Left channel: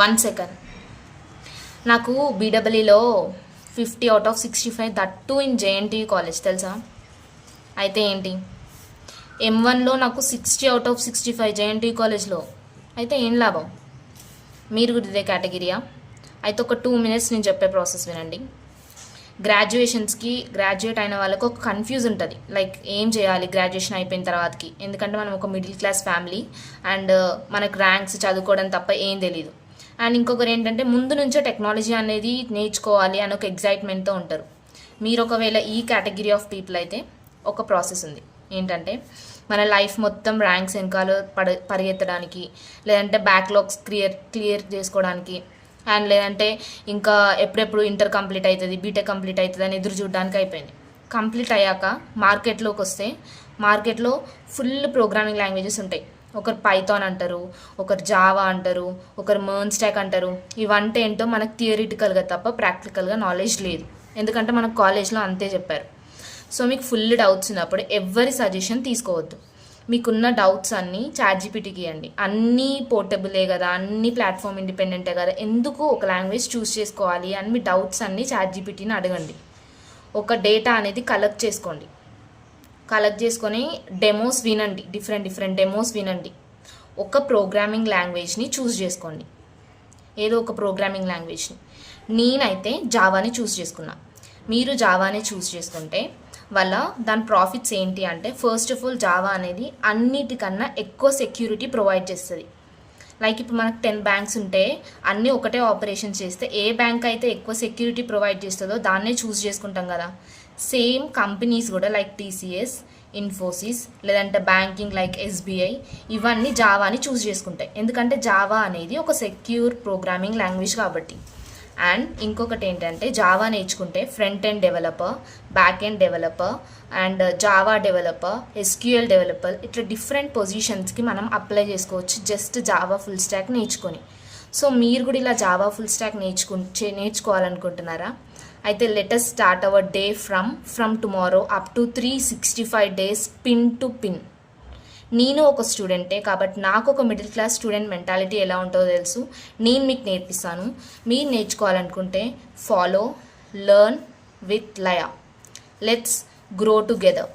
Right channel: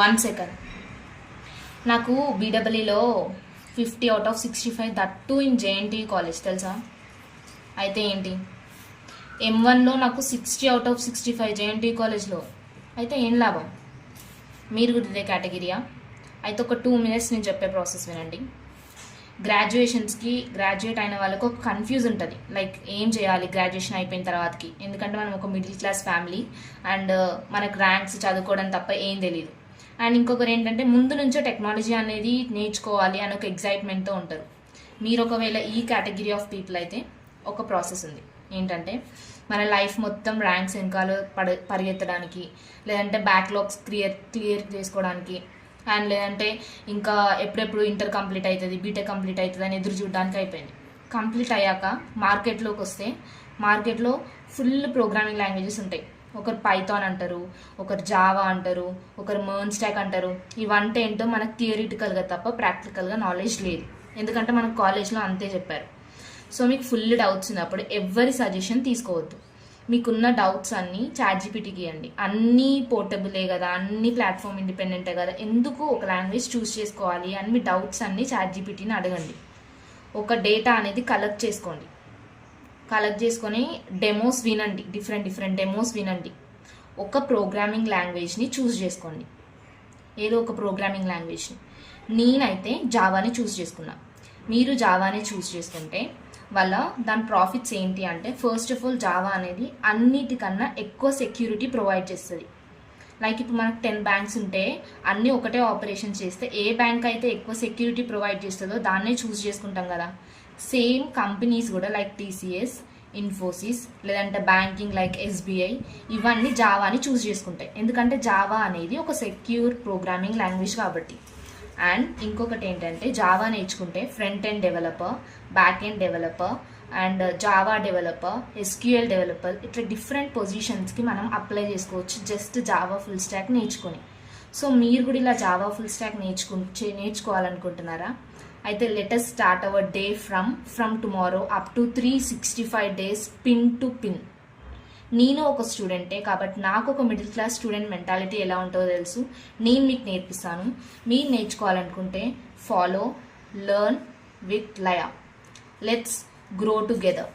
1 second. నాకు బీడబ్ల్యూలో 50/65, that to in JNT college తెలుసా. అయితే ఏంటి, M1లో నాకు 60/65 జేఎన్టీ కాలేజ్లో. అయితే ఏం లాభం? మీరు కూడా ఇదే కేటగిరీయా? అయితే ఒక 2 minutes నేను చెప్పే ప్రాసెస్ వినండి. గ్రాడ్యుయేట్ అయిన వాళ్ళకు ఒక కన్ఫ్యూజ్ ఉంటుంది, లైక్ ఏం చేయాలి గ్రాడ్యుయేషన్ అయిపోయిన తర్వాతకి. ఎందుకంటే మనం ఒక మిడిల్ క్లాస్ ఫ్యామిలీ అండ్ మనకు ర్యాంక్స్ చదువుకోవడం తప్ప ఏం తెలియదు. అండ్ ఇంకొకరు ఏంటంటే ముందు నుంచే టెక్నాలజీ అనేది నేర్చుకోవాలి అని ఒక ఎగ్జైట్మెంట్తో ఉంటారు. మీరు ఒకవేళ ఈ కేటగిరీ ఆఫ్ పీపుల్ అయితే ఒక ప్రాసెస్ ఉంది. ఏంటంటే మన లైఫ్ మొత్తం ర్యాంక్స్ వెనకాల పరిగెత్తడానికి, లేదంటే బ్యాక్లాగ్స్ క్లియర్ చేసుకోవడానికి, అండ్ లేదంటే ఇంకా ఎప్పుడెప్పుడు ఇంటర్ కంప్లీట్ అవుతుంది, బీటెక్ కంప్లీట్ అవుతుంది అని ఎదురు చూడడానికి అయిపోయింది. కంప్లీట్ అయ్యాక మార్కెట్లోకి వస్తే మార్కెట్లో ఫుల్ ప్రోగ్రామింగ్ లాంగ్వేజెస్ ఉంటాయి. ఒకరు పైథాన్ అంటారు, ఒకరు జావా అంటారు, ఒకరు మెర్న్ స్టాక్ అంటారు. ఇవంటే ఏంటో మనకు థియరిటికల్గా తప్ప ప్రాక్టికల్గా నాలెడ్జ్ లేదు, ఎందుకంటే మనకు కాలేజ్లో అంతే చెప్పారు. సో మీకు ఫుల్ డౌట్స్ ఉన్నప్పుడు ఎవరి సజెషన్ తీసుకోవద్దు. మీకున్న డౌట్స్ అన్నీ ChatGPTకి ఇవ్వండి. అన్నీ పోర్టబులే కదా, అన్ని ప్లాట్ఫామ్ ఇండిపెండెంటే కదా, ఎందుకు ఒక లాంగ్వేజ్ చూస్ చేసుకోవాలి అని మీ డౌట్స్ అన్నీ ChatGPTని అడగండి. ఒక డేటా అనేది కలెక్ట్ చేసుకొని డెమోస్ వినండి, డిఫరెంట్ డెమోస్ వినండి. ఒక ప్రోగ్రామింగ్ లాంగ్వేజ్ని చూస్ చేసుకోండి, ఏదో ఒక ప్రోగ్రామింగ్ లాంగ్వేజ్ని. నేనైతే జావాని చూస్ చేసుకున్నా. మీరు జావాని చూస్ చేసుకుంటే దాని ప్రాఫిట్స్ ఏంటి అంటే, ఫస్ట్ ఆఫ్ ఆల్ జావా అనేది అన్నిటికన్నా ఎక్కువ సెక్యూరిటీ ప్రొవైడ్ చేస్తుంది. లైక్ ఇప్పుడు మనకు 10 బ్యాంక్స్ ఉంటే అన్నీ ఒకటే ఆపరేషన్స్ చేస్తే ఏ బ్యాంక్ అయితే ఎక్కువ సెక్యూరిటీ ప్రొవైడ్ చేస్తుందో దాన్నే చూస్ చేసుకుంటాం కదా. సేమ్ కంపెనీస్ కూడా లైక్ TCS, ఇన్ఫోసిస్, లేదంటే బ్యాంకింగ్ లైక్ SBI, ఇవన్నీ జావాని చూస్ చేసుకుంటాయి. ఎందుకంటే జావా అనేది ఒక సెక్యూర్ ప్రోగ్రామింగ్ లాంగ్వేజ్ కాబట్టి. అండ్ ఇంకొకటి ఏంటంటే, జావా నేర్చుకుంటే front end developer, back end developer, and Java developer, SQL developer, ఇట్లా డిఫరెంట్ పొజిషన్స్కి మనం అప్లై చేసుకోవచ్చు జస్ట్ జావా ఫుల్ స్టాక్ నేర్చుకొని. సో మీరు కూడా ఇలా జావా ఫుల్ స్టాక్ నేర్చుకోవాలనుకుంటున్నారా? అయితే let's start our day from tomorrow up to 365 days pin to pin. నేను ఒక స్టూడెంటే కాబట్టి నాకు ఒక మిడిల్ క్లాస్ స్టూడెంట్ మెంటాలిటీ ఎలా ఉంటుందో తెలుసు. నేను మీకు నేర్పిస్తాను. మీరు నేర్చుకోవాలనుకుంటే follow, learn with Laya. Let's grow together.